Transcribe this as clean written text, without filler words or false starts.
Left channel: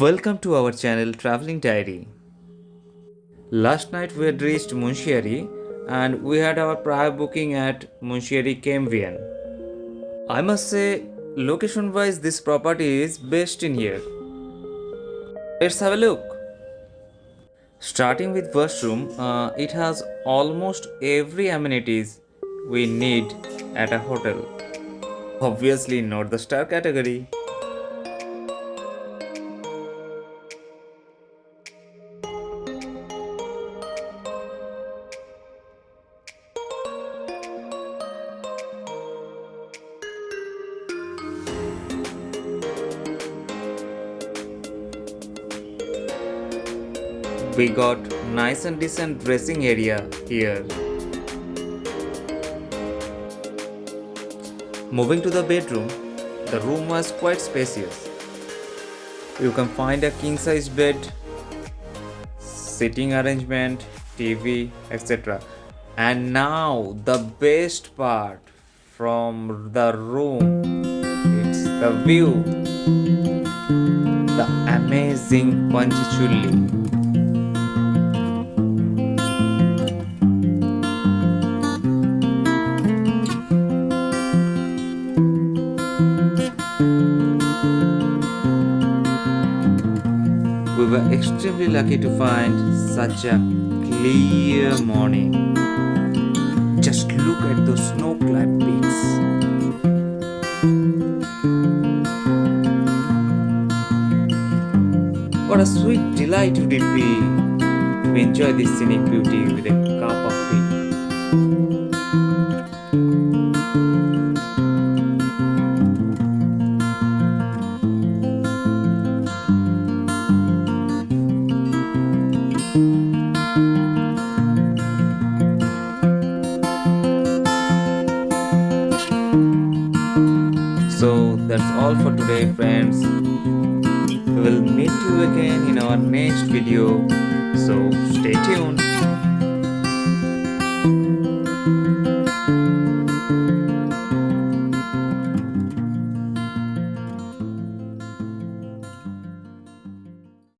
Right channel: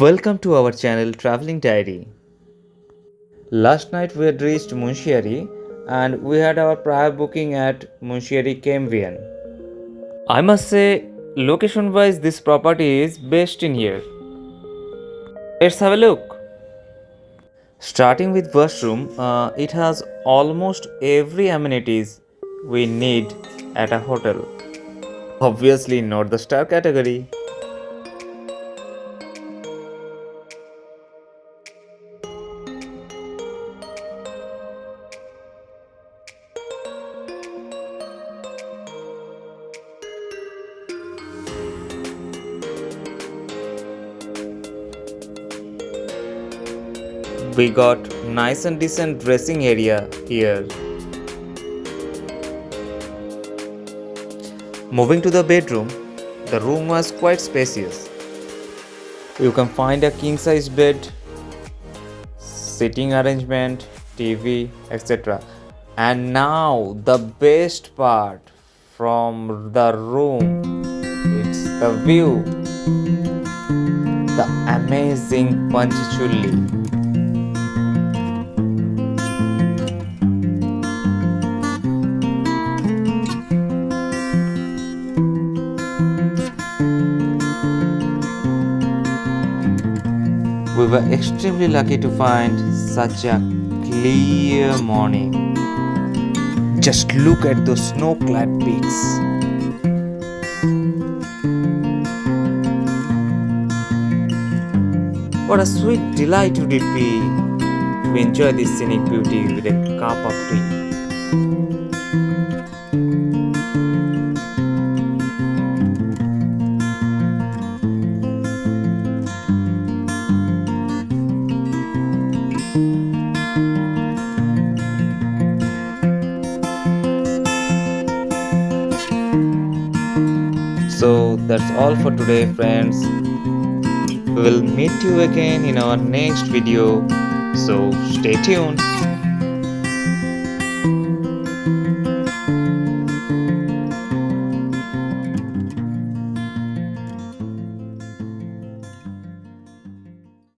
Welcome to our channel Traveling Diary. Last night we had reached Munsyari and we had our prior booking at Munsyari KMVN. I must say, location wise, this property is best in here. Let's have a look. Starting with washroom, it has almost every amenities we need at a hotel. Obviously, not the star category. We got nice and decent dressing area here. Moving to the bedroom, the room was quite spacious. You can find a king size bed, sitting arrangement, TV, etc. And now the best part from the room, it's the view, the amazing Panchachulli. We were extremely lucky to find such a clear morning. Just look at those snow-clad peaks. What a sweet delight would it be to enjoy this scenic beauty with a cup of tea. So that's all for today, friends. We will meet you again in our next video. So stay tuned.